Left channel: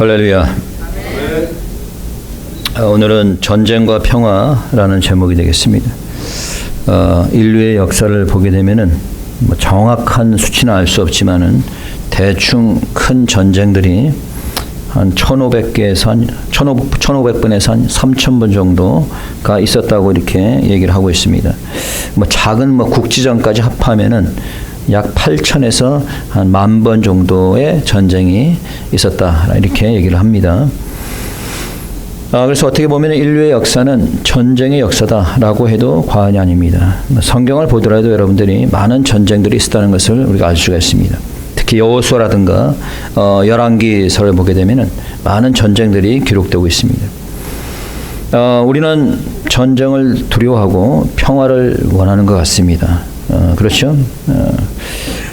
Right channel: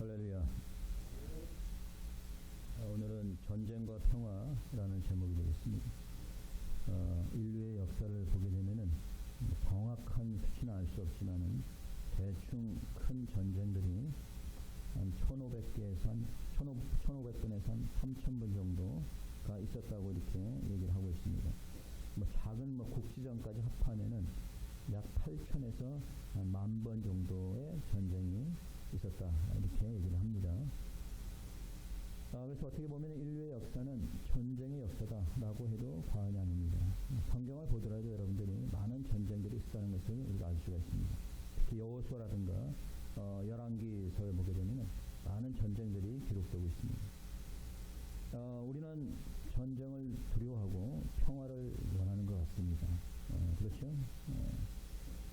할렐루야. 오늘은 전쟁과 평화라는 제목이 되겠습니다. 인류의 역사를 보게 되면은 정확한 수치는 알 수 없지만은 대충 큰 전쟁들이 한 1,500개에서 한 1,500번에서 한 3,000번 정도가 있었다고 이렇게 얘기를 하고 있습니다. 작은 국지전까지 합하면은 약 8,000에서 한 10,000번 정도의 전쟁이 있었다 이렇게 얘기를 합니다. 그래서 어떻게 보면 인류의 역사는 전쟁의 역사다라고 해도 과언이 아닙니다. 성경을 보더라도 여러분들이 많은 전쟁들이 있었다는 것을 우리가 알 수가 있습니다. 특히 여호수아라든가 열왕기서를 보게 되면은 많은 전쟁들이 기록되고 있습니다. 우리는 전쟁을 두려워하고 평화를 원하는 것 같습니다. 그렇죠?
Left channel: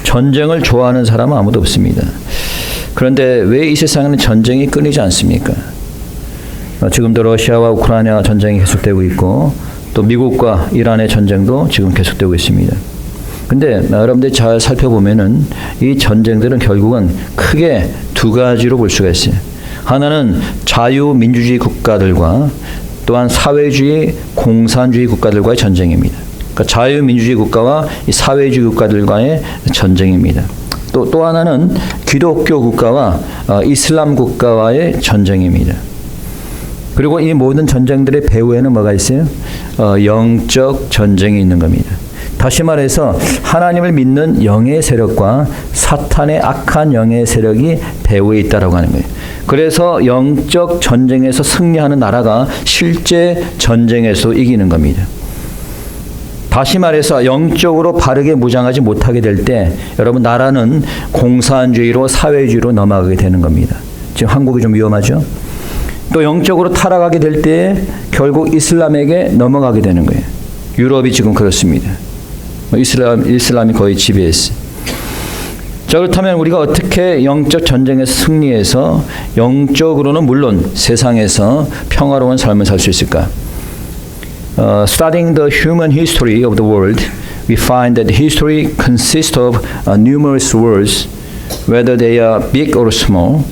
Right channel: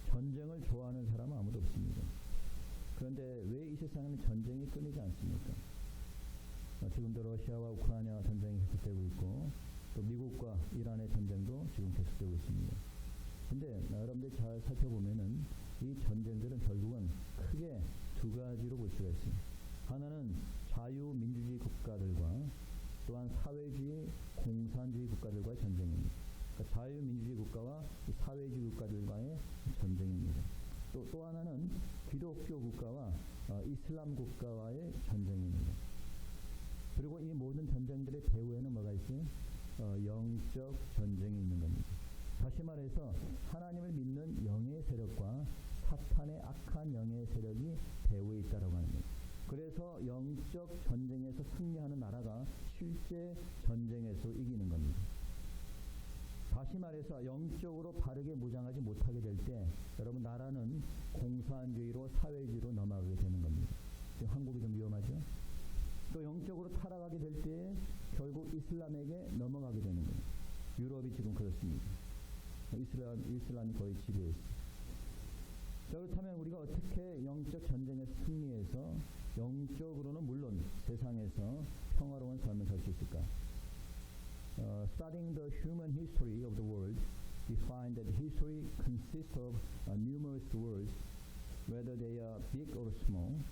전쟁을 좋아하는 사람은 아무도 없습니다. 그런데 왜 이 세상에는 전쟁이 끊이지 않습니까? 지금도 러시아와 우크라이나 전쟁이 계속되고 있고 또 미국과 이란의 전쟁도 지금 계속되고 있습니다. 근데 여러분들이 잘 살펴보면은 이 전쟁들은 결국은 크게 두 가지로 볼 수가 있어요. 하나는 자유민주주의 국가들과 또한 사회주의 공산주의 국가들과의 전쟁입니다. 그러니까 자유민주주의 국가와 이 사회주의 국가들과의 전쟁입니다. 또 하나는 기독교 국가와 이슬람 국가와의 전쟁입니다. 그리고 이 모든 전쟁들의 배후에는 뭐가 있어요? 영적 전쟁이 있는 겁니다. 다시 말해서 하나님을 믿는 영의 세력과 사탄의 악한 영의 세력이 배후에 있다라고 하는 거예요. 그래서 영적 전쟁에서 승리하는 나라가 실제 전쟁에서 이기는 겁니다. 다시 말해서 영적으로 바르게 무장하지 못하게 될 때 여러분 나라는 공산주의로 사회주의로 넘어가게 되는 겁니다. 지금 한국이 좀 위험하죠? 또 영적으로 타락하게 될 때 결국 이슬람에게 넘어가게 되는 거예요. 유럽이 지금 그렇습니다. 이슬람이 거의 지배했어요. 자, 그렇다면 우리가 어떻게 영적 전쟁에서 승리해서 영적으로는 물론 세상에서 평화로운 삶을 살 수 있을까? Studying the human history of the world, we find that history consists of numerous wars, whether they are big or small.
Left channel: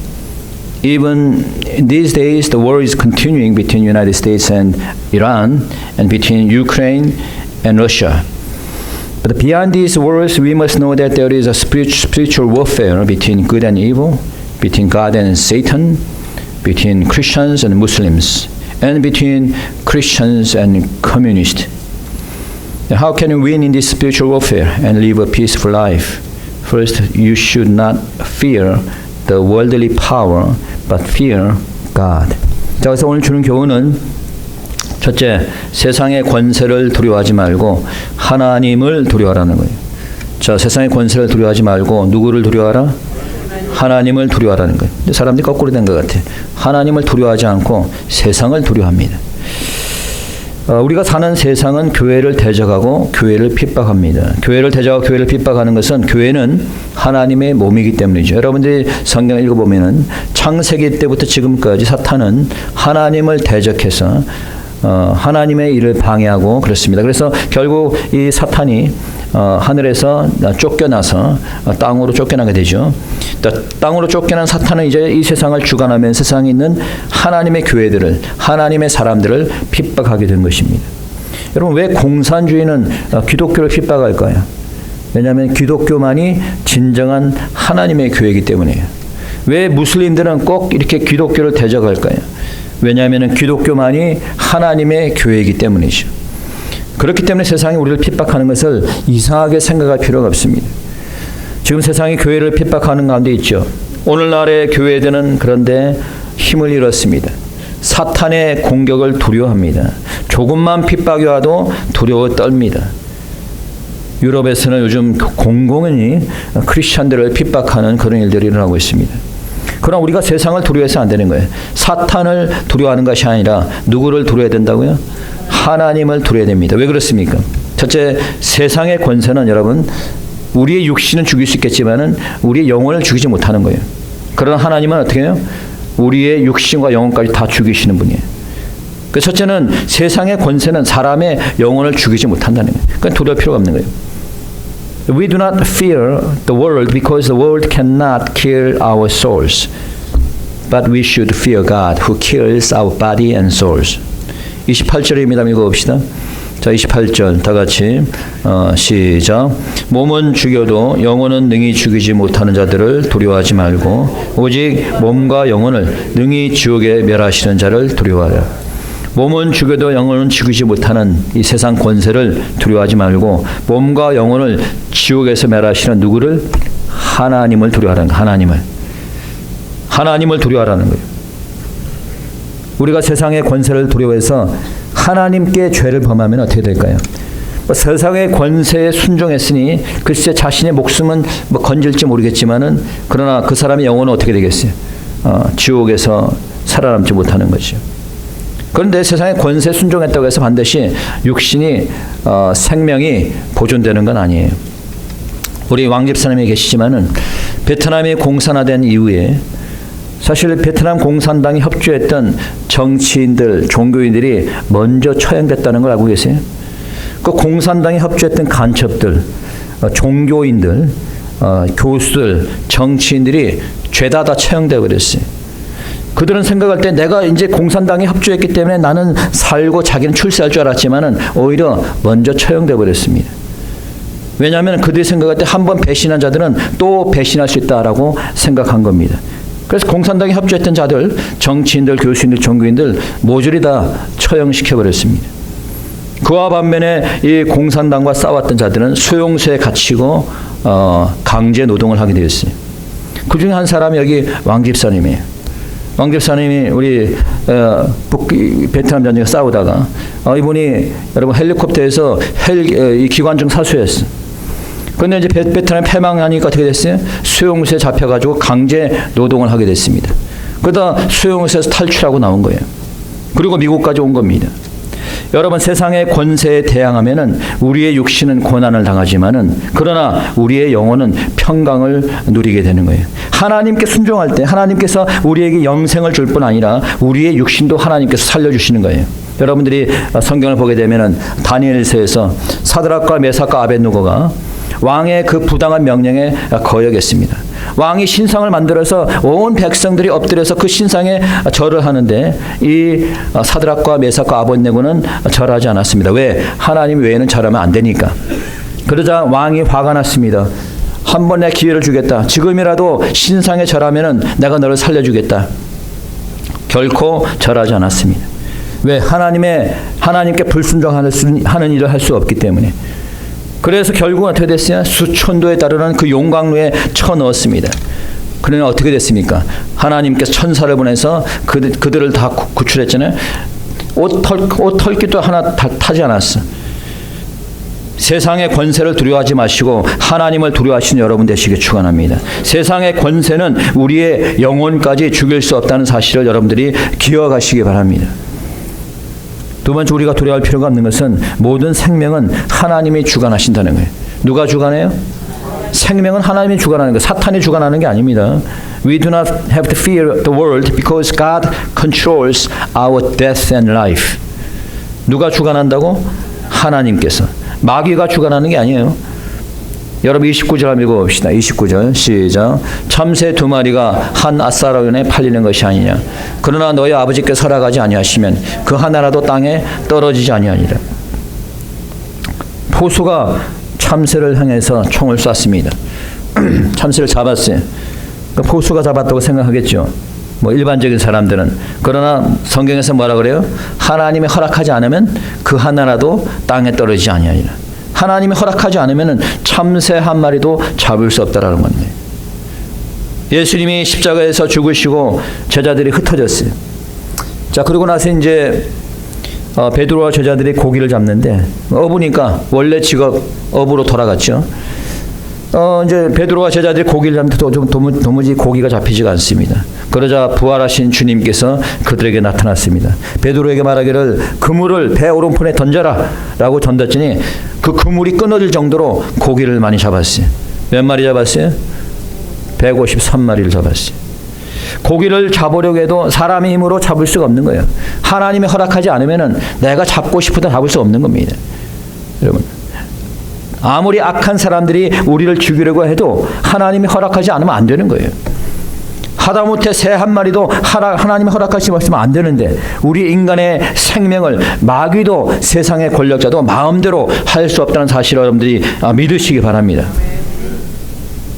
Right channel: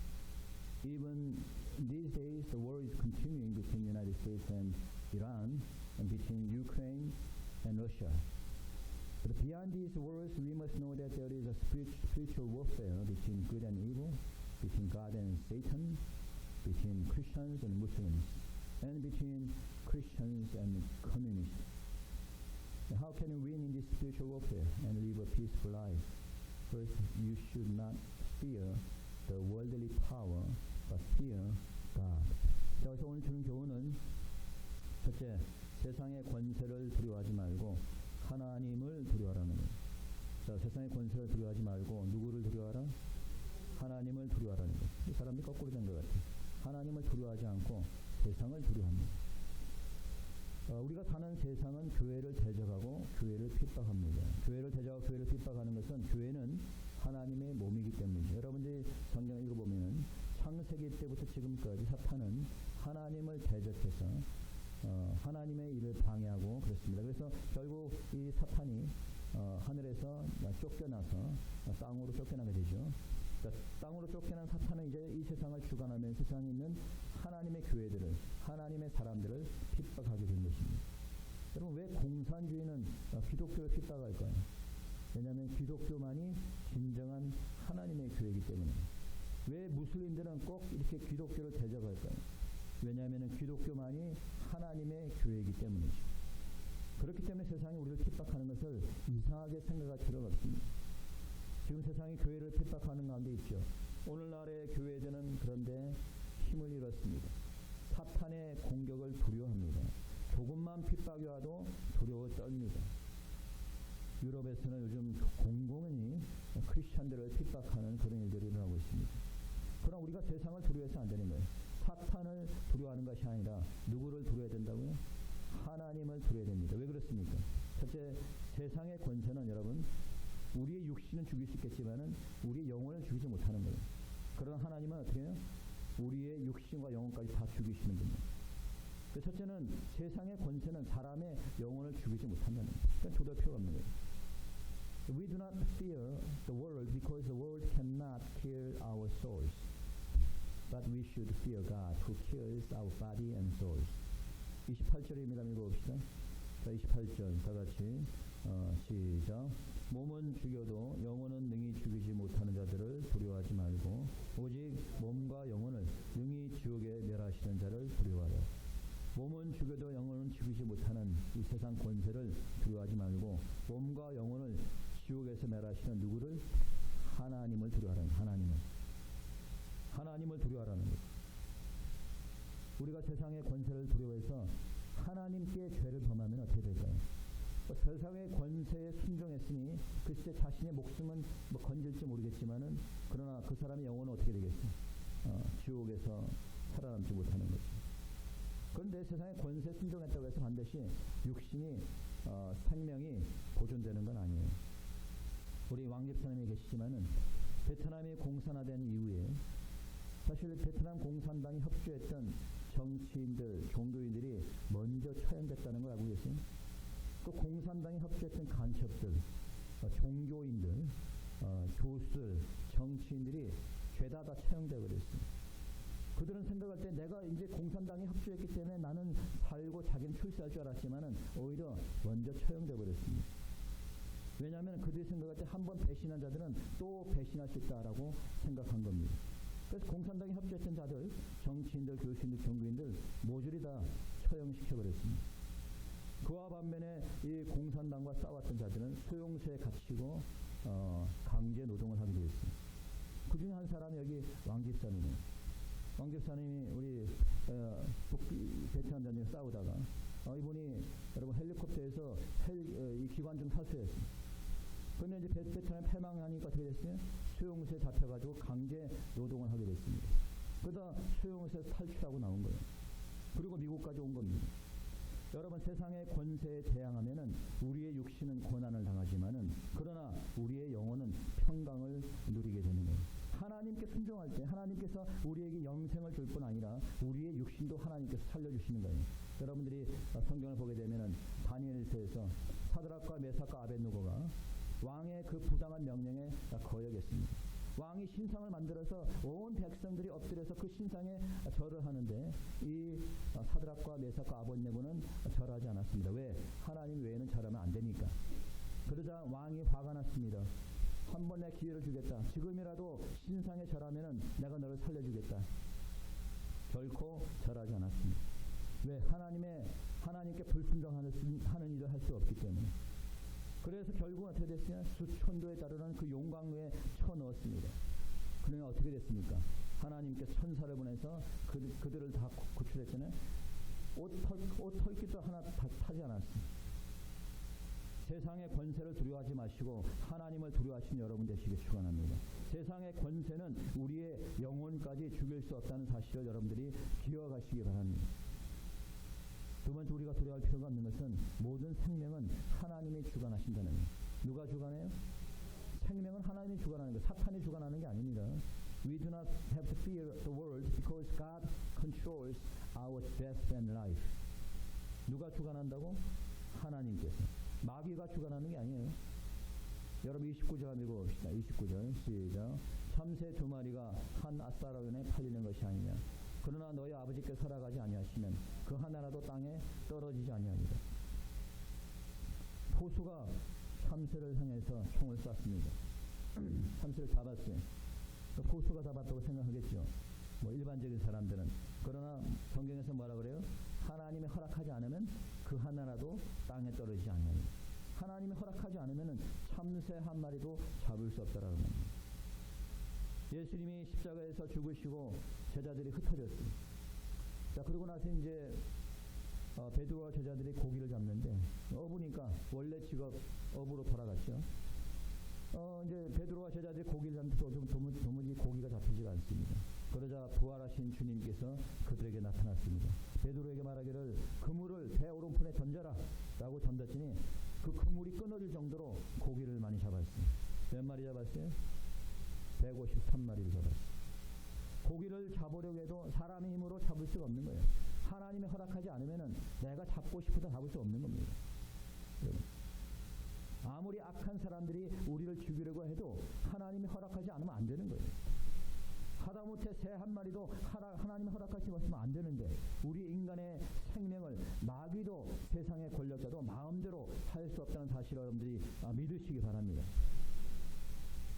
Even these days, the war is continuing between the United States and Iran, and between Ukraine and Russia. But beyond these wars, we must know that there is a spiritual warfare between good and evil, between God and Satan, between Christians and Muslims, and between Christians and communists. How can you win in this spiritual warfare and live a peaceful life? First, you should not fear the worldly power, but fear God. 자, 그래서 오늘 주는 교훈은 첫째, 세상의 권세를 두려워하지 말고 하나님을 두려워하라는 거예요. 자, 세상의 권세를 두려워하지 말고 누구를 두려워하라? 하나님을 두려워하라는 거예요. 근데 사람들이 거꾸로 된 것 같아요. 하나님을 두려워하지 않고 세상을 두려워합니다. 우리가 사는 세상은 교회를 대적하고 교회를 핍박합니다. 교회를 대적하고 교회를 핍박하는 것은 교회는 하나님의 몸이기 때문이죠. 여러분들이 성경을 읽어보면은 창세기 때부터 지금까지 사탄은 하나님을 대적해서 하나님의 일을 방해하고 그렇습니다. 그래서 결국 이 사탄이 하늘에서 쫓겨나서 땅으로 쫓겨나게 되죠. 땅으로 쫓겨난 사탄은 이제 이 세상을 주관하면서 세상에 있는 하나님의 교회들을, 하나님의 사람들을 핍박하게 된 것입니다. 여러분, 왜 공산주의는 기독교를 핍박할까요? 왜냐하면 기독교만이 진정한 하나님의 교회이기 때문이에요. 왜 무슬림들은 꼭 이렇게 기독교를 대적할까요? 왜냐하면 기독교만이 하나님의 교회이기 때문이죠. 그렇기 때문에 세상이 우리를 핍박하는 것을 이상하게 생각할 필요가 없습니다. 지금 세상이 교회를 핍박하는 가운데 있죠. 오늘날의 교회들은 그런데 힘을 잃었습니다. 사탄의 공격을 두려워합니다. 조금만 핍박이 와도 두려워 떨립니다. 유럽에서는 요즘 공공연히 크리스찬들을 핍박하는 그런 일들이 일어나고 있습니다. 그러나 우리가 세상을 두려워해서 안 되는 거예요. 사탄을 두려워하는 것이 아니라 누구를 두려워해야 된다고요? 하나님을 두려워야 됩니다. 왜 그렇습니까? 첫째, 세상의 권세는 여러분 우리의 육신은 죽일 수 있겠지만은 우리의 영혼을 죽이지 못하는 거예요. 그러나 하나님은 어떻게 해요? 우리의 육신과 영혼까지 다 죽이시는 분이에요. 그 첫째는 세상의 권세는 사람의 영혼을 죽이지 못한다는 거예요. 그러니까 두려울 필요가 없는 거예요. We do not fear the world because the world cannot kill our souls. But we should fear God who kills our body and souls. 28절입니다. 읽어봅시다. 자, 28절 다 같이 시작. 몸은 죽여도 영혼은 능히 죽이지 못하는 자들을 두려워하지 말고 오직 몸과 영혼을 능히 지옥에 멸하시는 자를 두려워하라. 몸은 죽여도 영혼은 죽이지 못하는 이 세상 권세를 두려워하지 말고 몸과 영혼을 지옥에서 멸하시는 누구를? 하나님을 두려워하라는 거예요. 하나님을 두려워하라는 거예요. 우리가 세상의 권세를 두려워해서 하나님께 죄를 범하면 어떻게 될까요? 세상의 권세에 순종했으니 글쎄 자신의 목숨은 건질지 모르겠지만은 그러나 그 사람의 영혼은 어떻게 되겠어요? 지옥에서 살아남지 못하는 거죠. 그런데 세상의 권세에 순종했다고 해서 반드시 육신이 생명이 보존되는 건 아니에요. 우리 왕 집사님이 계시지만은 베트남이 공산화된 이후에 사실 베트남 공산당이 협조했던 정치인들, 종교인들이 먼저 처형됐다는 걸 알고 계세요? 그 공산당이 협조했던 간첩들, 종교인들, 교수들, 정치인들이 죄다 처형되어 버렸어요. 그들은 생각할 때 내가 이제 공산당에 협조했기 때문에 나는 살고 자기는 출세할 줄 알았지만은 오히려 먼저 처형되어 버렸습니다. 왜냐하면 그들이 생각할 때 한 번 배신한 자들은 또 배신할 수 있다라고 생각한 겁니다. 그래서 공산당에 협조했던 자들, 정치인들, 교수인들, 종교인들 모조리 다 처형시켜버렸습니다. 그와 반면에 이 공산당과 싸웠던 자들은 수용소에 gat히고 강제 노동을 하게 되었어요. 그 중에 한 사람이 여기 왕 집사님이에요. 왕 집사님이 우리 베트남 전쟁에 싸우다가 이분이 여러분 헬리콥터에서 이 기관총 사수였어요. 그런데 이제 베트남이 패망하니까 어떻게 됐어요? 수용소에 잡혀가지고 강제 노동을 하게 됐습니다. 그러다 수용소에서 탈출하고 나온 거예요. 그리고 미국까지 온 겁니다. 여러분 세상의 권세에 대항하면은 우리의 육신은 고난을 당하지만은 그러나 우리의 영혼은 평강을 누리게 되는 거예요. 하나님께 순종할 때 하나님께서 우리에게 영생을 줄 뿐 아니라 우리의 육신도 하나님께서 살려주시는 거예요. 여러분들이 성경을 보게 되면은 다니엘서에서 사드락과 메삭과 아벳느고가 왕의 그 부당한 명령에 거역했습니다. 왕이 신상을 만들어서 온 백성들이 엎드려서 그 신상에 절을 하는데 이 사드락과 메삭과 아벳느고는 절하지 않았습니다. 왜? 하나님 외에는 절하면 안 되니까. 그러자 왕이 화가 났습니다. 한 번 내 기회를 주겠다. 지금이라도 신상에 절하면은 내가 너를 살려주겠다. 결코 절하지 않았습니다. 왜? 하나님께 불순종하는 일을 할 수 없기 때문에. 그래서 결국은 어떻게 됐어요? 수천도에 달하는 그 용광로에 쳐넣었습니다. 그러나 어떻게 됐습니까? 하나님께서 천사를 보내서 그들을 다 구출했잖아요. 옷 털기도 하나 타지 않았어. 세상의 권세를 두려워하지 마시고 하나님을 두려워하시는 여러분 되시길 축원합니다. 세상의 권세는 우리의 영혼까지 죽일 수 없다는 사실을 여러분들이 기억하시기 바랍니다. 두 번째 우리가 두려워할 필요가 없는 것은 모든 생명은 하나님이 주관하신다는 거예요. 누가 주관해요? 생명은 하나님이 주관하는 거예요. 사탄이 주관하는 게 아닙니다. We do not have to fear the world because God controls our death and life. 누가 주관한다고? 하나님께서. 마귀가 주관하는 게 아니에요. 여러분 29절 한번 읽어봅시다. 29절 시작. 참새 2마리가 한 앗사라원에 팔리는 것이 아니냐. 그러나 너희 아버지께서 허락하지 아니하시면 그 하나라도 땅에 떨어지지 아니하니라. 포수가 참새를 향해서 총을 쐈습니다. 참새를 잡았어요. 그 포수가 잡았다고 생각하겠죠. 일반적인 사람들은. 그러나 성경에서 뭐라 그래요? 하나님이 허락하지 않으면 그 하나라도 땅에 떨어지지 아니하니라. 하나님이 허락하지 않으면 참새 한 마리도 잡을 수 없다라는 겁니다. 예수님이 십자가에서 죽으시고 제자들이 흩어졌어요. 자, 그러고 나서 이제 베드로와 제자들이 고기를 잡는데 어부니까 원래 직업 어부로 돌아갔죠. 이제 베드로와 제자들이 고기를 잡는데 도무지 고기가 잡히지가 않습니다. 그러자 부활하신 주님께서 그들에게 나타났습니다. 베드로에게 말하기를 그물을 배 오른편에 던져라 라고 던졌더니 그 그물이 끊어질 정도로 고기를 많이 잡았어요. 몇 마리 잡았어요? 153마리를 잡았어요. 고기를 잡으려고 해도 사람의 힘으로 잡을 수가 없는 거예요. 하나님이 허락하지 않으면 내가 잡고 싶어도 잡을 수 없는 겁니다. 여러분, 아무리 악한 사람들이 우리를 죽이려고 해도 하나님이 허락하지 않으면 안 되는 거예요. 하다못해 새 한 마리도 하나님이 허락하시지 않으면 안 되는데 우리 인간의 생명을 마귀도 세상의 권력자도 마음대로 할 수 없다는 사실을 여러분들이 믿으시기 바랍니다.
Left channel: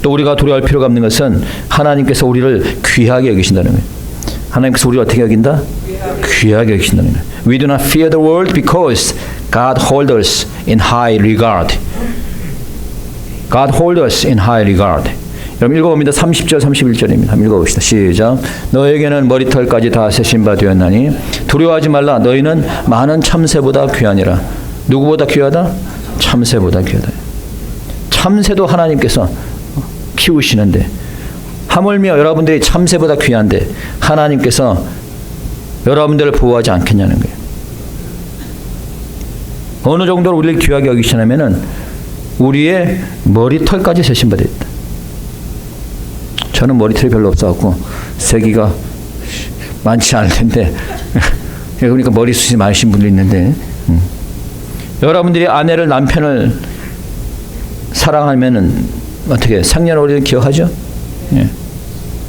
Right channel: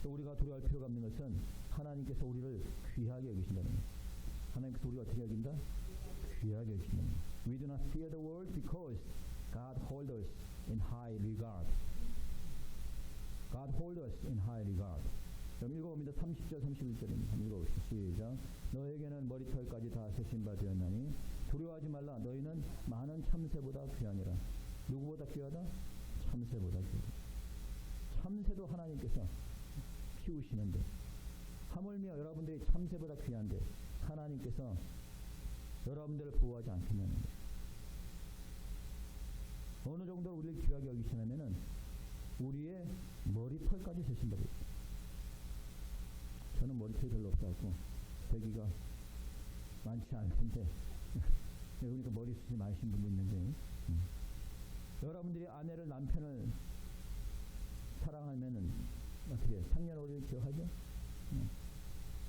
또 우리가 두려워할 필요가 없는 것은 하나님께서 우리를 귀하게 여기신다는 거예요. 하나님께서 우리를 어떻게 여긴다? 귀하게 여기신다는 거예요. We do not fear the world because God holds us in high regard. God holds us in high regard. 여러분 읽어봅니다. 30절 31절입니다. 한번 읽어봅시다. 시작. 너에게는 머리털까지 다 세신 바 되었나니 두려워하지 말라. 너희는 많은 참새보다 귀하니라. 누구보다 귀하다? 참새보다 귀하다. 참새도 하나님께서 키우시는데 하물며 여러분들이 참새보다 귀한데 하나님께서 여러분들을 보호하지 않겠냐는 거예요. 어느 정도로 우리를 귀하게 여기시냐면은 우리의 머리털까지 세신 바 되었다. 저는 머리털이 별로 없어갖고 세기가 많지 않을 텐데 그러니까 머리숱이 많으신 분도 있는데 여러분들이 아내를 남편을 사랑하면은 어떻게 생년월일 기억하죠? 예.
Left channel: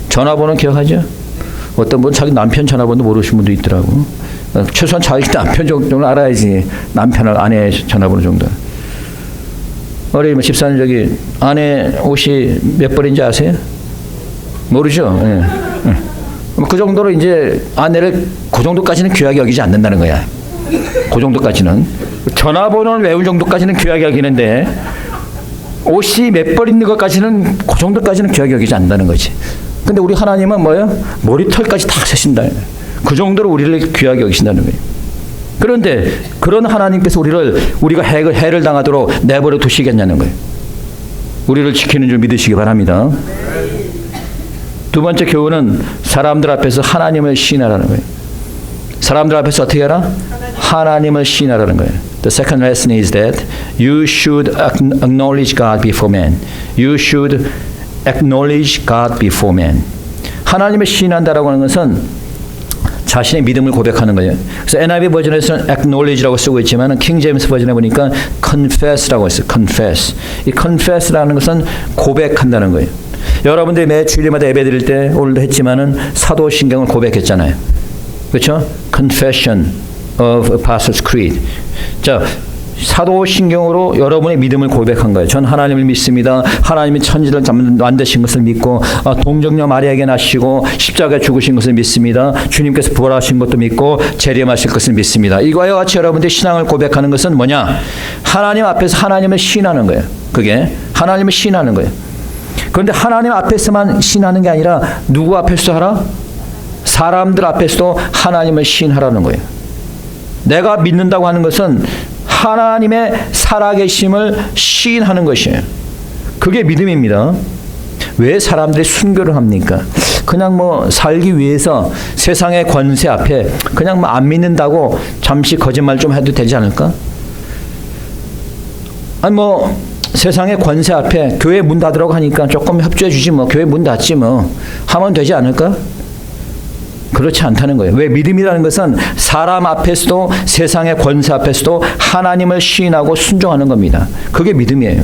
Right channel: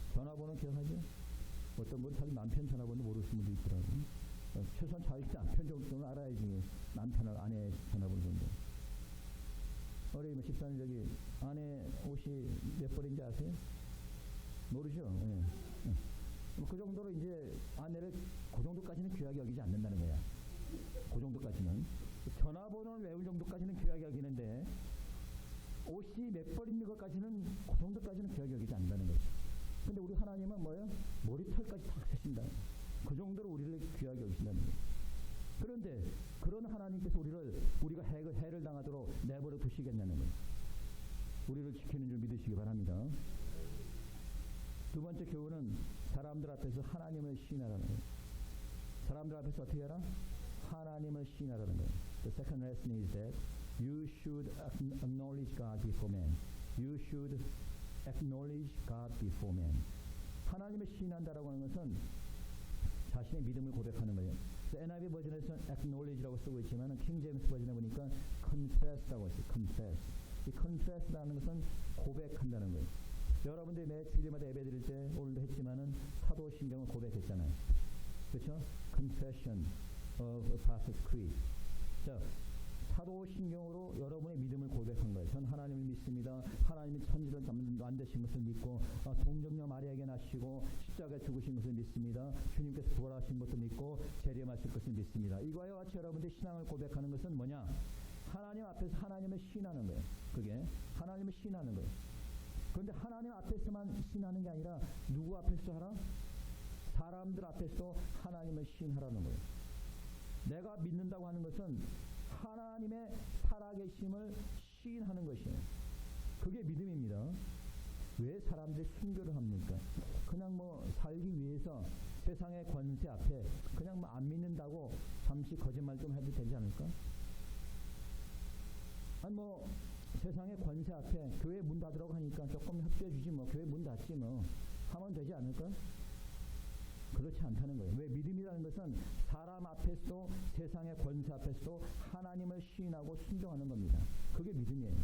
전화번호 기억하죠? 어떤 분 자기 남편 전화번호 모르시는 분도 있더라고. 최소한 자기 남편 정도는 알아야지. 남편을 아내 전화번호 정도. 우리 집사님 저기 아내 옷이 몇 벌인지 아세요? 모르죠. 예. 예. 그 정도로 이제 아내를 그 정도까지는 귀하게 여기지 않는다는 거야. 그 정도까지는 전화번호를 외운 정도까지는 귀하게 여기는데 옷이 몇 벌 있는 것까지는 그 정도까지는 귀하게 여기지 않는다는 거지. 근데 우리 하나님은 뭐예요? 머리털까지 다 세신다는 거예요. 그 정도로 우리를 귀하게 여기신다는 거예요. 그런데 그런 하나님께서 우리가 해를 당하도록 내버려 두시겠냐는 거예요. 우리를 지키는 줄 믿으시기 바랍니다. 두 번째 교훈은 사람들 앞에서 하나님을 시인하라는 거예요. 사람들 앞에서 어떻게 하라? 하나님을 시인하라는 거예요. The second lesson is that you should acknowledge God before man. You should acknowledge God before man. 하나님을 시인한다라고 하는 것은 자신의 믿음을 고백하는 거예요. 그래서 NIV 버전에서는 acknowledge라고 쓰고 있지만 킹 제임스 버전에 보니까 confess라고 했어요. confess. 이 confess라는 것은 고백한다는 거예요. 여러분들이 매 주일마다 예배 드릴 때 오늘도 했지만은 사도신경을 고백했잖아요. 그렇죠? Confession of Apostles' Creed. 자, 사도신경으로 여러분의 믿음을 고백한 거예요. 전 하나님을 믿습니다. 하나님이 천지를 만드신 것을 믿고 동정녀 마리아에게 나시고 십자가에 죽으신 것을 믿습니다. 주님께서 부활하신 것도 믿고 재림하실 것을 믿습니다. 이거와 같이 여러분들이 신앙을 고백하는 것은 뭐냐? 하나님 앞에서 하나님을 시인하는 거예요. 그게 하나님을 시인하는 거예요. 그런데 하나님 앞에서만 시인하는 게 아니라 누구 앞에서도 하라? 사람들 앞에서도 하나님을 시인하라는 거예요. 내가 믿는다고 하는 것은 하나님의 살아계심을 시인하는 것이에요. 그게 믿음입니다. 왜 사람들이 순교를 합니까? 그냥 뭐 살기 위해서 세상의 권세 앞에 그냥 뭐 안 믿는다고 잠시 거짓말 좀 해도 되지 않을까? 아니 뭐 세상의 권세 앞에 교회 문 닫으라고 하니까 조금 협조해 주지 뭐 교회 문 닫지 뭐 하면 되지 않을까? 그렇지 않다는 거예요. 왜? 믿음이라는 것은 사람 앞에서도 세상의 권세 앞에서도 하나님을 시인하고 순종하는 겁니다. 그게 믿음이에요.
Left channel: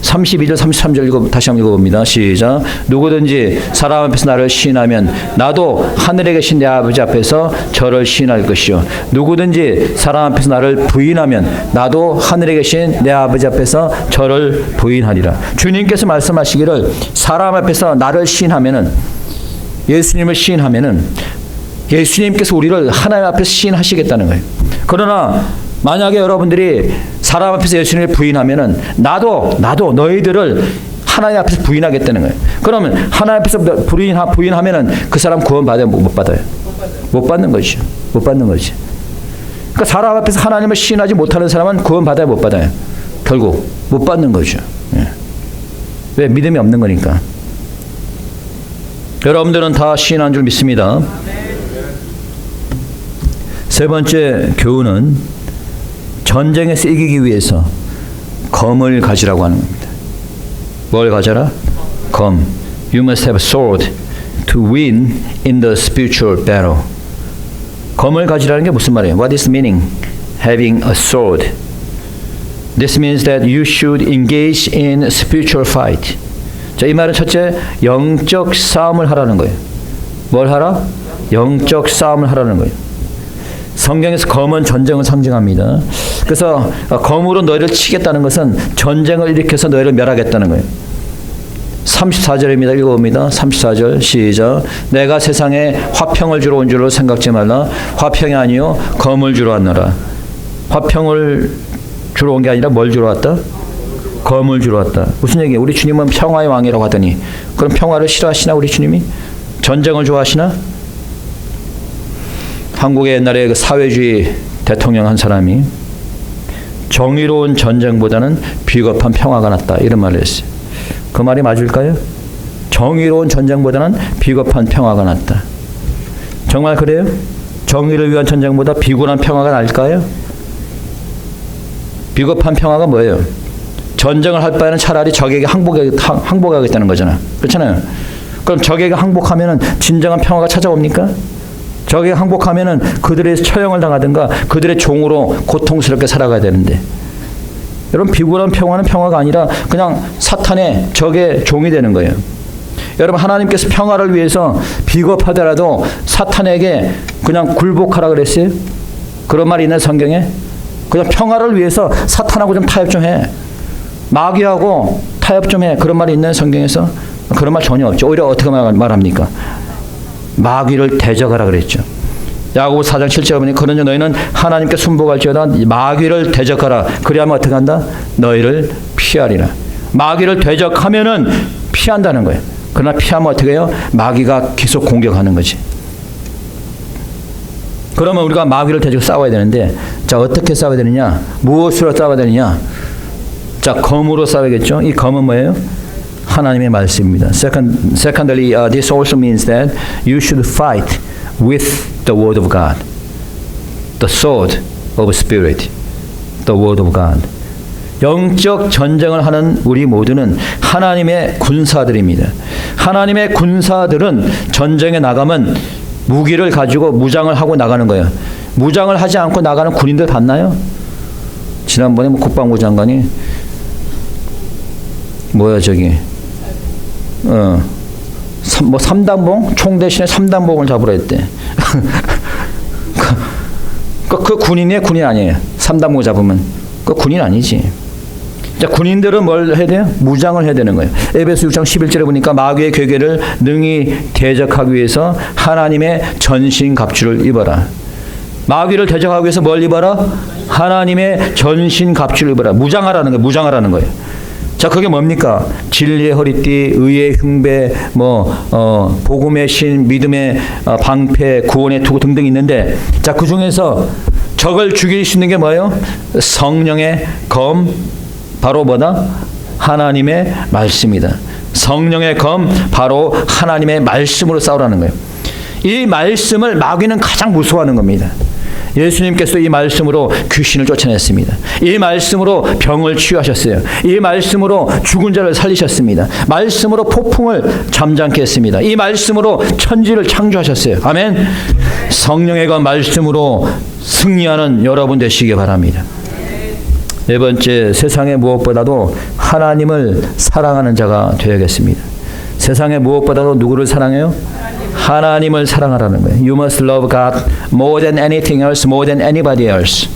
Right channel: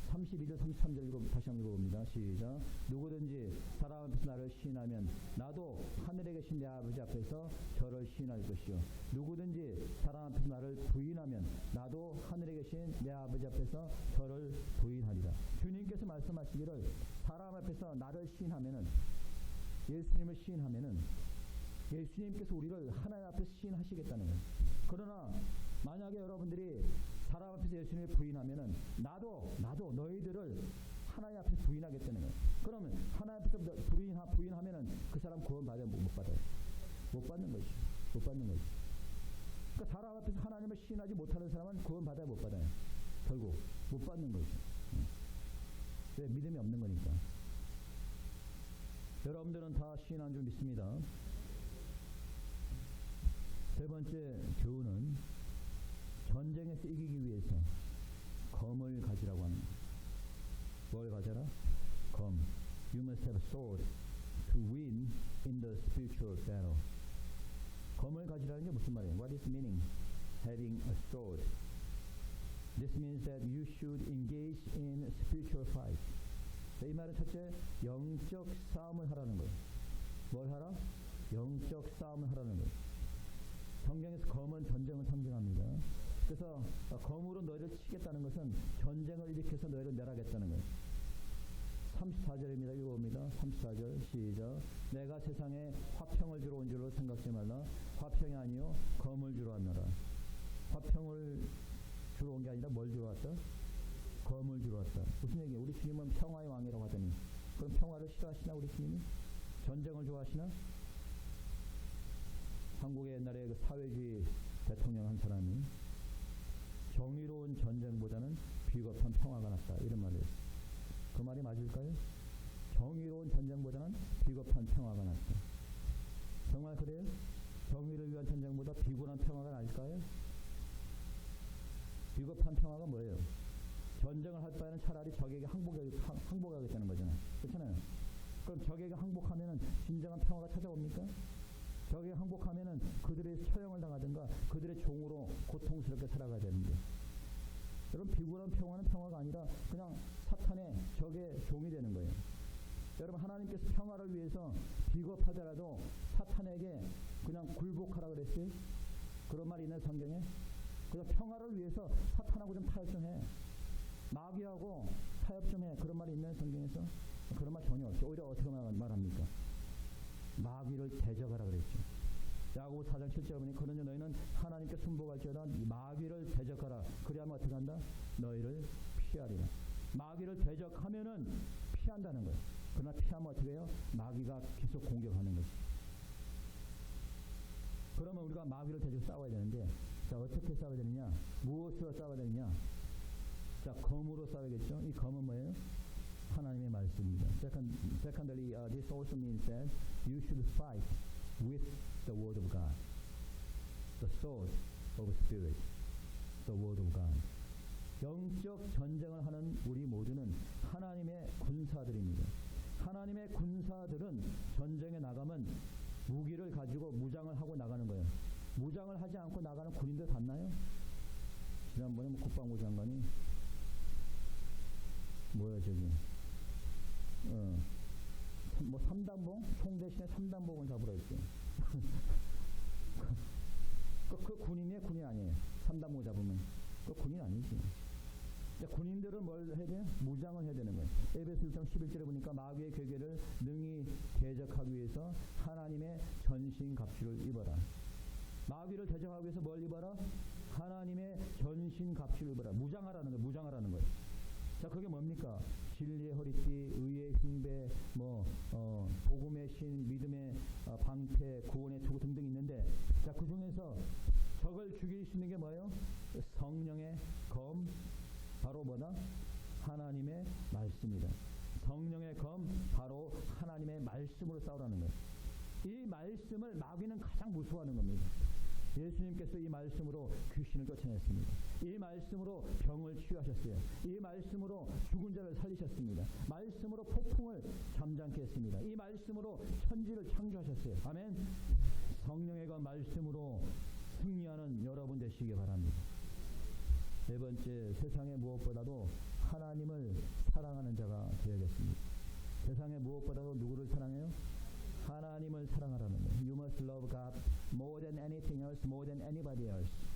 32절 33절 다시 한번 읽어봅니다. 시작. 누구든지 사람 앞에서 나를 시인하면 나도 하늘에 계신 내 아버지 앞에서 저를 시인할 것이요. 누구든지 사람 앞에서 나를 부인하면 나도 하늘에 계신 내 아버지 앞에서 저를 부인하리라. 주님께서 말씀하시기를 사람 앞에서 나를 시인하면은 예수님을 시인하면은 예수님께서 우리를 하나님 앞에서 시인하시겠다는 거예요. 그러나 만약에 여러분들이 사람 앞에서 예수님을 부인하면은 나도 너희들을 하나님 앞에서 부인하겠다는 거예요. 그러면 하나님 앞에서 부인하면은 그 사람 구원 받아요? 못 받아요? 못 받는 거죠. 못 받는 거지. 그러니까 사람 앞에서 하나님을 시인하지 못하는 사람은 구원 받아요? 못 받아요? 결국 못 받는 거죠. 예. 왜? 믿음이 없는 거니까. 여러분들은 다 시인한 줄 믿습니다. 세 번째 교훈은 전쟁에서 이기기 위해서 검을 가지라고 하는 겁니다. 뭘 가져라? 검. You must have a sword to win in the spiritual battle. 검을 가지라는 게 무슨 말이에요? What is the meaning? Having a sword. This means that you should engage in spiritual fight. 자, 이 말은 첫째, 영적 싸움을 하라는 거예요. 뭘 하라? 영적 싸움을 하라는 거예요. 성경에서 검은 전쟁을 상징합니다. 그래서 검으로 너희를 치겠다는 것은 전쟁을 일으켜서 너희를 멸하겠다는 거예요. 34절입니다. 읽어봅니다. 34절 시작. 내가 세상에 화평을 주러 온 줄로 생각지 말라. 화평이 아니요 검을 주러 왔노라. 화평을 주러 온 게 아니라 뭘 주러 왔다? 검을 주러 왔다. 무슨 얘기예요? 우리 주님은 평화의 왕이라고 하더니 그럼 평화를 싫어하시나 우리 주님이? 전쟁을 좋아하시나? 한국의 옛날에 그 사회주의 대통령 한 사람이 정의로운 전쟁보다는 비겁한 평화가 낫다 이런 말을 했어요. 그 말이 맞을까요? 정의로운 전쟁보다는 비겁한 평화가 낫다. 정말 그래요? 정의를 위한 전쟁보다 비굴한 평화가 나을까요? 비겁한 평화가 뭐예요? 전쟁을 할 바에는 차라리 적에게 항복하겠다는 거잖아. 그렇잖아요. 그럼 적에게 항복하면은 진정한 평화가 찾아옵니까? 적에게 항복하면은 그들의 처형을 당하든가 그들의 종으로 고통스럽게 살아가야 되는데, 여러분 비굴한 평화는 평화가 아니라 그냥 사탄의 적의 종이 되는 거예요. 여러분 하나님께서 평화를 위해서 비겁하더라도 사탄에게 그냥 굴복하라 그랬어요? 그런 말이 있는 성경에? 그냥 평화를 위해서 사탄하고 좀 타협 좀 해. 마귀하고 타협 좀 해. 그런 말이 있는 성경에서? 그런 말 전혀 없죠. 오히려 어떻게 말합니까? 마귀를 대적하라 그랬죠. 야고보 4장 7절에 보니 그러니 너희는 하나님께 순복할지어다 마귀를 대적하라. 그리하면 어떻게 한다? 너희를 피하리라. 마귀를 대적하면은 피한다는 거예요. 그러나 피하면 어떻게 해요? 마귀가 계속 공격하는 거지. 그러면 우리가 마귀를 대적 싸워야 되는데, 자 어떻게 싸워야 되느냐? 무엇으로 싸워야 되느냐? 자 검으로 싸워야겠죠. 이 검은 뭐예요? 하나님의 말씀입니다. Secondly, this also means that you should fight with the word of God, the sword of spirit, the word of God. 영적 전쟁을 하는 우리 모두는 하나님의 군사들입니다. 하나님의 군사들은 전쟁에 나가면 무기를 가지고 무장을 하고 나가는 거예요. 무장을 하지 않고 나가는 군인들 봤나요? 지난번에 국방부 장관이 뭐야 저기 뭐 3단봉? 총 대신에 3단봉을 잡으라 했대. 그 군인이에요? 군인 아니에요? 3단봉 잡으면 그 군인 아니지. 자, 군인들은 뭘 해야 돼요? 무장을 해야 되는 거예요. 에베소 6장 11절에 보니까 마귀의 괴계를 능히 대적하기 위해서 하나님의 전신 갑주를 입어라. 마귀를 대적하기 위해서 뭘 입어라? 하나님의 전신 갑주를 입어라. 무장하라는 거예요. 무장하라는 거예요. 자, 그게 뭡니까? 진리의 허리띠, 의의 흉배, 복음의 신, 믿음의 방패, 구원의 투구 등등 있는데, 자, 그 중에서 적을 죽일 수 있는 게 뭐예요? 성령의 검, 바로 뭐다? 하나님의 말씀이다. 성령의 검, 바로 하나님의 말씀으로 싸우라는 거예요. 이 말씀을 마귀는 가장 무서워하는 겁니다. 예수님께서 이 말씀으로 귀신을 쫓아냈습니다. 이 말씀으로 병을 치유하셨어요. 이 말씀으로 죽은 자를 살리셨습니다. 말씀으로 폭풍을 잠잠케 했습니다. 이 말씀으로 천지를 창조하셨어요. 아멘. 성령의 그 말씀으로 승리하는 여러분 되시기 바랍니다. 네 번째, 세상의 무엇보다도 하나님을 사랑하는 자가 되어야겠습니다. 세상의 무엇보다도 누구를 사랑해요? 하나님을 사랑하라는 거예요. You must love God more than anything else, more than anybody else.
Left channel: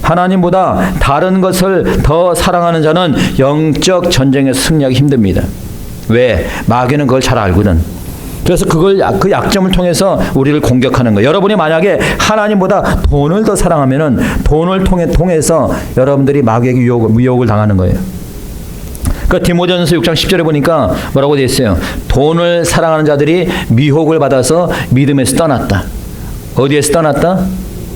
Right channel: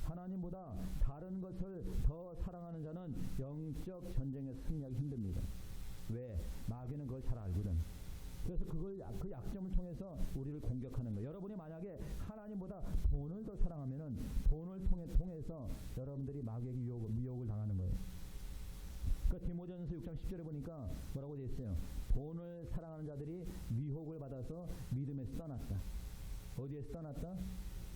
하나님보다 다른 것을 더 사랑하는 자는 영적 전쟁에서 승리하기 힘듭니다. 왜? 마귀는 그걸 잘 알거든. 그래서 그 약점을 통해서 우리를 공격하는 거예요. 여러분이 만약에 하나님보다 돈을 더 사랑하면은 돈을 통해서 여러분들이 마귀에게 유혹을 당하는 거예요. 그 디모데전서 6장 10절에 보니까 뭐라고 되어 있어요? 돈을 사랑하는 자들이 미혹을 받아서 믿음에서 떠났다. 어디에서 떠났다?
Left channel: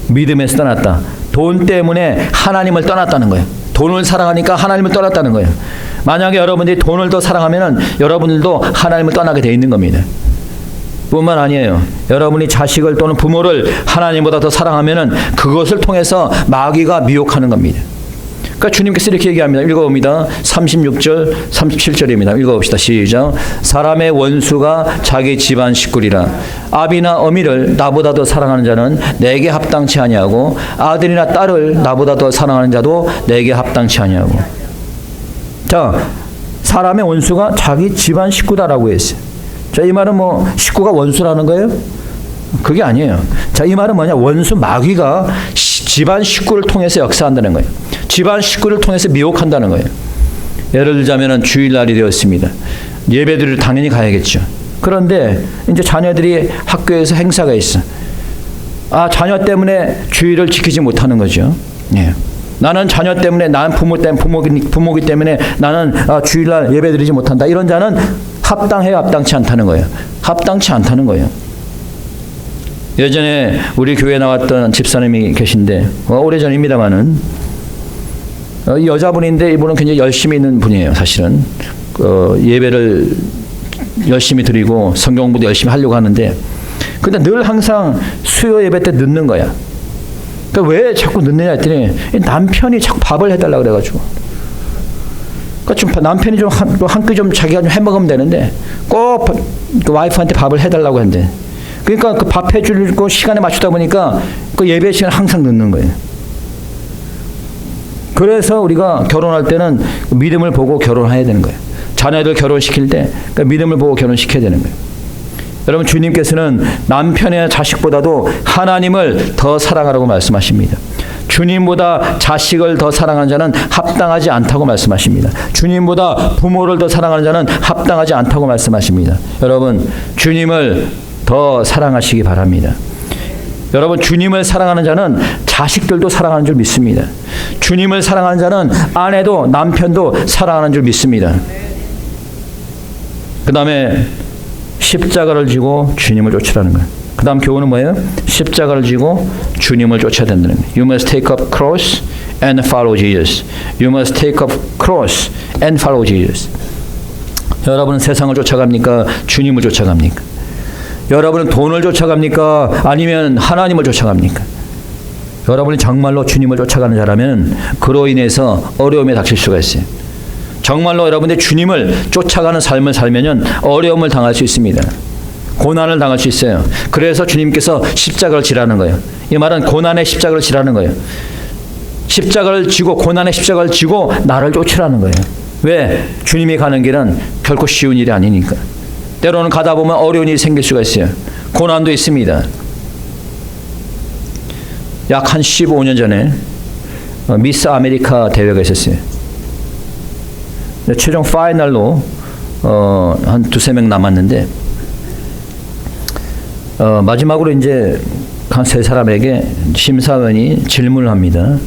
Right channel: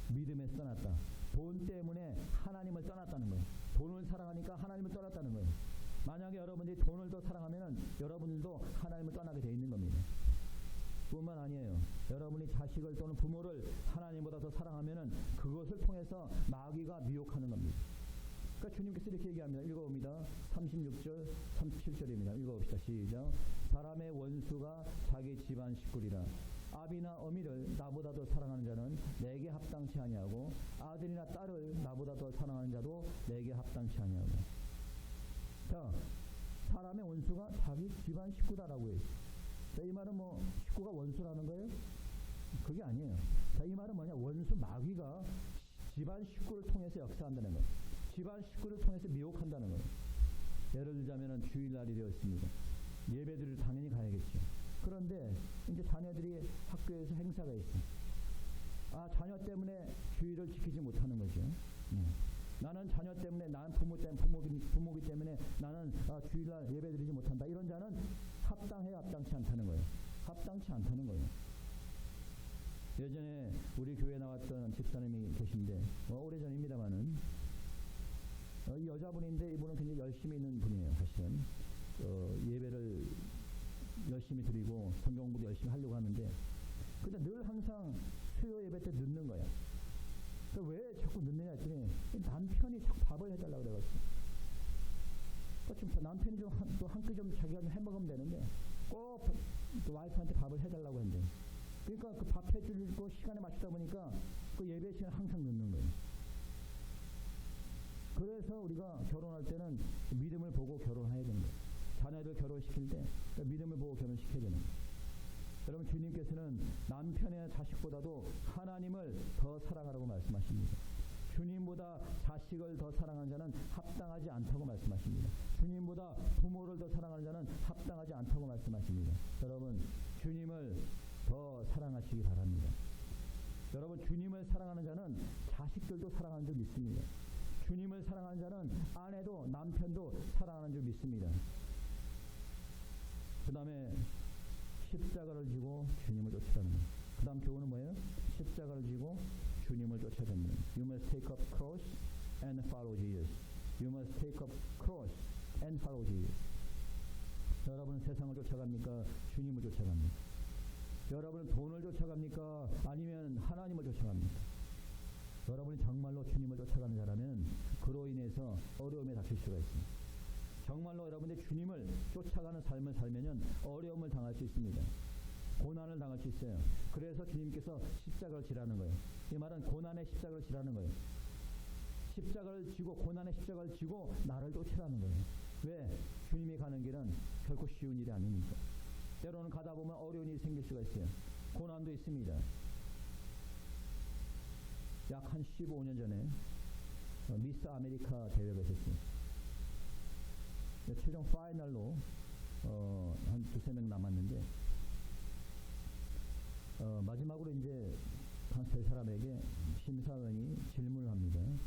믿음에서 떠났다. 돈 때문에 하나님을 떠났다는 거예요. 돈을 사랑하니까 하나님을 떠났다는 거예요. 만약에 여러분들이 돈을 더 사랑하면은 여러분들도 하나님을 떠나게 되어 있는 겁니다. 뿐만 아니에요. 여러분이 자식을 또는 부모를 하나님보다 더 사랑하면은 그것을 통해서 마귀가 미혹하는 겁니다. 그러니까 주님께서 이렇게 얘기합니다. 읽어봅니다. 36절, 37절입니다. 읽어봅시다. 시작. 사람의 원수가 자기 집안 식구리라. 아비나 어미를 나보다 더 사랑하는 자는 내게 합당치 아니하고 아들이나 딸을 나보다 더 사랑하는 자도 내게 합당치 아니하고. 자, 사람의 원수가 자기 집안 식구다라고 했어요. 자, 이 말은 뭐 식구가 원수라는 거예요? 그게 아니에요. 자, 이 말은 뭐냐? 원수 마귀가 집안 식구를 통해서 역사한다는 거예요. 집안 식구를 통해서 미혹한다는 거예요. 예를 들자면은 주일날이 되었습니다. 예배드리러 당연히 가야겠죠. 그런데 이제 자녀들이 학교에서 행사가 있어. 자녀 때문에 주일을 지키지 못하는 거죠. 예. 나는 자녀 때문에, 난 부모기 때문에 나는 주일날 예배드리지 못한다. 이런 자는 합당해요, 합당치 않다는 거예요. 합당치 않다는 거예요. 예전에 우리 교회에 나왔던 집사님이 계신데 오래전입니다마는 여자분인데 이분은 굉장히 열심히 있는 분이에요. 사실은 예배를 열심히 드리고 성경 공부도 열심히 하려고 하는데 근데 늘 항상 수요 예배 때 늦는 거야. 그러니까 왜 자꾸 늦느냐 했더니 남편이 자꾸 밥을 해달라고 그래가지고 그러니까 좀 남편이 좀 한 끼 좀 자기가 좀 해먹으면 되는데 꼭 그 와이프한테 밥을 해달라고 한대. 그러니까 그 밥 해주고 시간에 맞추다 보니까 그 예배 시간 항상 늦는 거예요. 그래서 우리가 결혼할 때는 믿음을 보고 결혼해야 되는 거예요. 자녀들 결혼시킬 때 그러니까 믿음을 보고 결혼시켜야 되는 거예요. 여러분 주님께서는 남편의 자식보다도 하나님을 더 사랑하라고 말씀하십니다. 주님보다 자식을 더 사랑하는 자는 합당하지 않다고 말씀하십니다. 주님보다 부모를 더 사랑하는 자는 합당하지 않다고 말씀하십니다. 여러분 주님을 더 사랑하시기 바랍니다. 여러분 주님을 사랑하는 자는 자식들도 사랑하는 줄 믿습니다. 주님을 사랑하는 자는 아내도 남편도 사랑하는 줄 믿습니다. 그 다음에 십자가를 지고 주님을 쫓으라는 거예요. 그 다음 교훈은 뭐예요? 십자가를 지고 주님을 쫓아야 된다는 거예요. You must take up cross and follow Jesus. You must take up cross and follow Jesus. 여러분은 세상을 쫓아갑니까? 주님을 쫓아갑니까? 여러분은 돈을 쫓아갑니까? 아니면 하나님을 쫓아갑니까? 여러분이 정말로 주님을 쫓아가는 자라면 그로 인해서 어려움에 닥칠 수가 있어요. 정말로 여러분들 주님을 쫓아가는 삶을 살면은 어려움을 당할 수 있습니다. 고난을 당할 수 있어요. 그래서 주님께서 십자가를 지라는 거예요. 이 말은 고난의 십자가를 지라는 거예요. 십자가를 지고 고난의 십자가를 지고 나를 쫓으라는 거예요. 왜? 주님이 가는 길은 결코 쉬운 일이 아니니까. 때로는 가다 보면 어려운 일이 생길 수가 있어요. 고난도 있습니다. 약 한 15년 전에 미스 아메리카 대회가 있었어요. 최종 파이널로 한 두세 명 남았는데 마지막으로 이제 한 세 사람에게 심사위원이 질문을 합니다.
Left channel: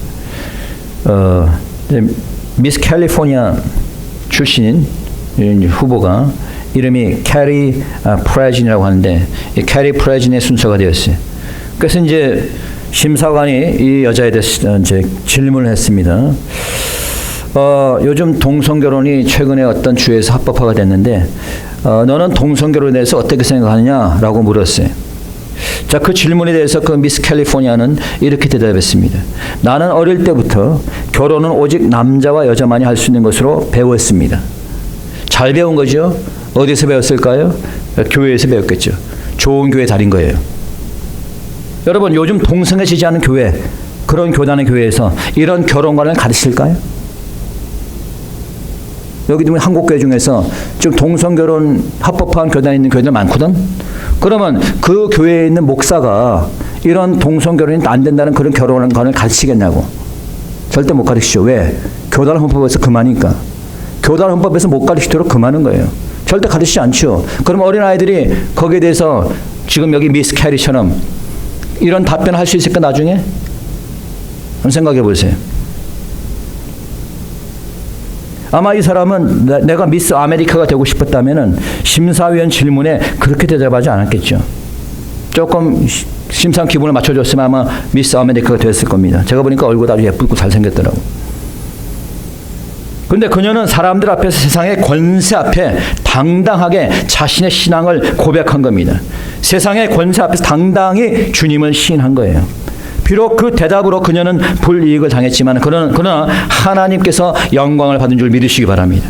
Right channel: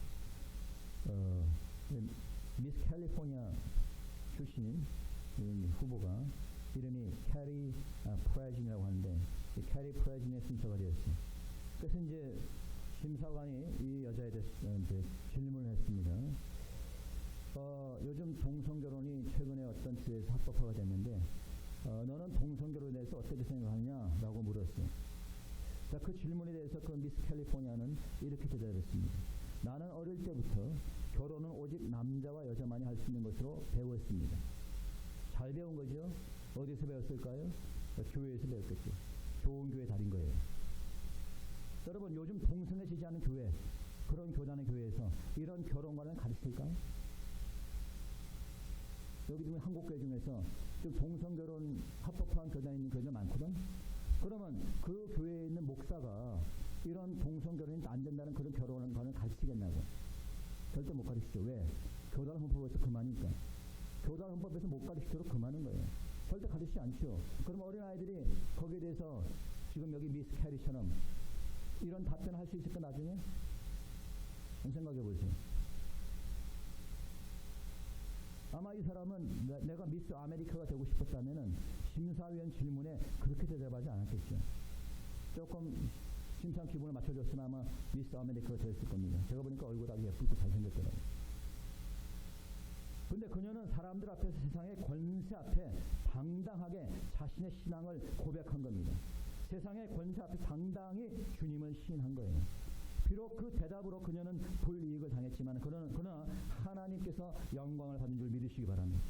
미스 캘리포니아 출신인 후보가 이름이 캐리 프레진이라고 하는데 이 캐리 프레진의 순서가 되었어요. 그래서 이제 심사관이 이 여자에 대해서 이제 질문을 했습니다. 요즘 동성결혼이 최근에 어떤 주에서 합법화가 됐는데 너는 동성결혼에 대해서 어떻게 생각하느냐라고 물었어요. 자, 그 질문에 대해서 그 미스 캘리포니아는 이렇게 대답했습니다. 나는 어릴 때부터 결혼은 오직 남자와 여자만이 할 수 있는 것으로 배웠습니다. 잘 배운 거죠? 어디서 배웠을까요? 교회에서 배웠겠죠. 좋은 교회 다닌 거예요. 여러분 요즘 동성애 지지하는 교회, 그런 교단의 교회에서 이런 결혼관을 가르칠까요? 여기 한국교회 중에서 지금 동성결혼 합법화한 교단에 있는 교회들 많거든. 그러면 그 교회에 있는 목사가 이런 동성결혼이 안 된다는 그런 결혼관을 가르치겠냐고. 절대 못 가르치죠. 왜? 교단 헌법에서 그만이니까. 교단 헌법에서 못 가르치도록 그만한 거예요. 절대 가르치지 않죠. 그럼 어린아이들이 거기에 대해서 지금 여기 미스 캐리처럼 이런 답변을 할 수 있을까 나중에? 한번 생각해 보세요. 아마 이 사람은 내가 미스 아메리카가 되고 싶었다면은 심사위원 질문에 그렇게 대답하지 않았겠죠. 조금 심상 기분을 맞춰줬으면 아마 미스 아메리카가 됐을 겁니다. 제가 보니까 얼굴 아주 예쁘고 잘생겼더라고. 그런데 그녀는 사람들 앞에서 세상의 권세 앞에 당당하게 자신의 신앙을 고백한 겁니다. 세상의 권세 앞에서 당당히 주님을 시인한 거예요. 비록 그 대답으로 그녀는 불이익을 당했지만 그러나 하나님께서 영광을 받은 줄 믿으시기 바랍니다.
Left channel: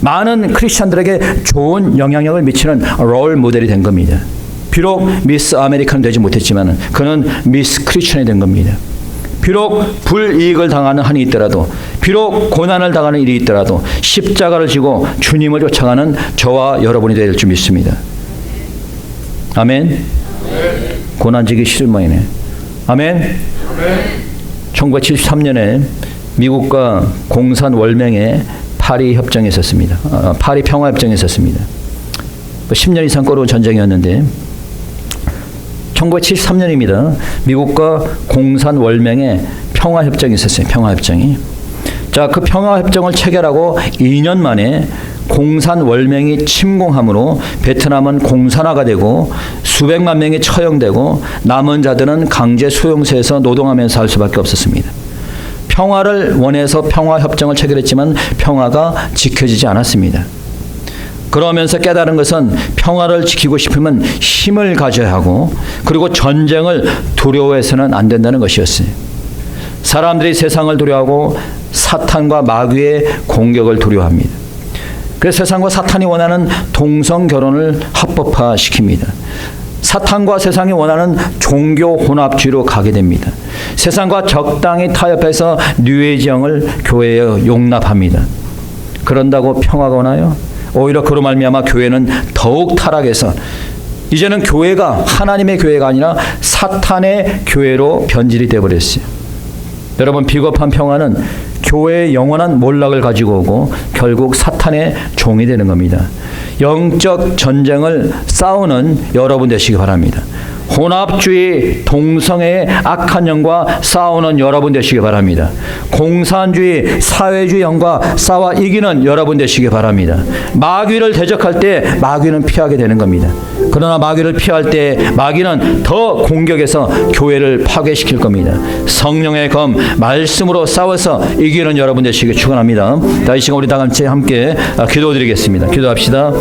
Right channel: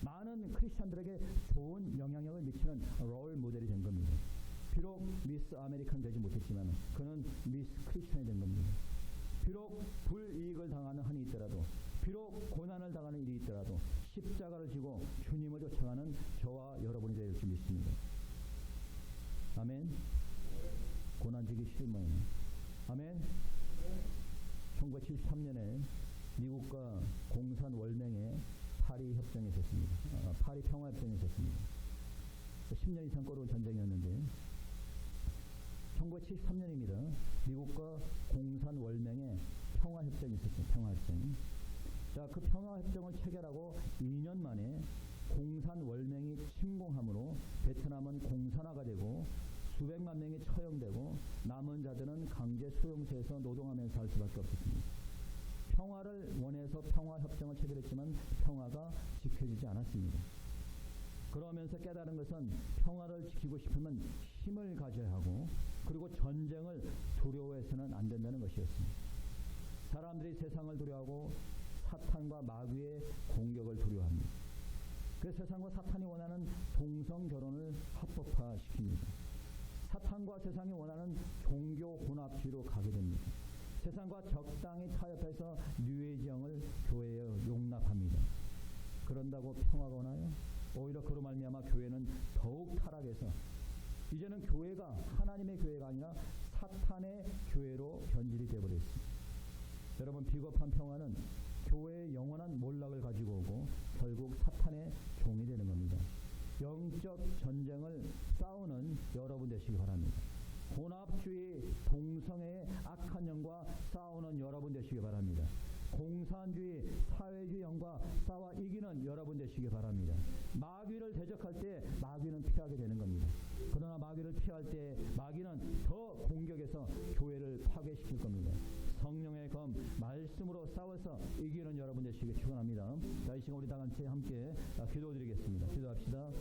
많은 크리스찬들에게 좋은 영향력을 미치는 롤 모델이 된 겁니다. 비록 미스 아메리카는 되지 못했지만 그는 미스 크리스찬이 된 겁니다. 비록 불이익을 당하는 한이 있더라도, 비록 고난을 당하는 일이 있더라도 십자가를 지고 주님을 쫓아가는 저와 여러분이 될 줄 믿습니다. 아멘. 고난지기 싫은 모양이네. 아멘. 1973년에 미국과 공산 월맹에 파리 협정이 있었습니다. 파리 평화 협정이 있었습니다. 10년 이상 꼬르운 전쟁이었는데 1973년입니다. 미국과 공산 월맹에 평화 협정이 있었어요. 평화 협정이. 자, 그 평화 협정을 체결하고 2년 만에 공산 월맹이 침공함으로 베트남은 공산화가 되고 수백만 명이 처형되고 남은 자들은 강제 수용소에서 노동하면서 살 수밖에 없었습니다. 평화를 원해서 평화 협정을 체결했지만 평화가 지켜지지 않았습니다. 그러면서 깨달은 것은 평화를 지키고 싶으면 힘을 가져야 하고, 그리고 전쟁을 두려워해서는 안 된다는 것이었어요. 사람들이 세상을 두려워하고 사탄과 마귀의 공격을 두려워합니다. 그래서 세상과 사탄이 원하는 동성 결혼을 합법화시킵니다. 사탄과 세상이 원하는 종교 혼합주의로 가게 됩니다. 세상과 적당히 타협해서 뉴에이지형을 교회에 용납합니다. 그런다고 평화가 오나요? 오히려 그로 말미암아 교회는 더욱 타락해서 이제는 교회가 하나님의 교회가 아니라 사탄의 교회로 변질이 되어버렸어요. 여러분, 비겁한 평화는 교회의 영원한 몰락을 가지고 오고 결국 사탄의 종이 되는 겁니다. 영적 전쟁을 싸우는 여러분 되시기 바랍니다. 혼합주의, 동성애의 악한 영과 싸우는 여러분 되시기 바랍니다. 공산주의, 사회주의 영과 싸워 이기는 여러분 되시기 바랍니다. 마귀를 대적할 때 마귀는 피하게 되는 겁니다. 그러나 마귀를 피할 때 마귀는 더 공격해서 교회를 파괴시킬 겁니다. 성령의 검, 말씀으로 싸워서 이기는 여러분 되시기 축원합니다. 이 시간 우리 다 같이 함께 기도드리겠습니다. 기도합시다.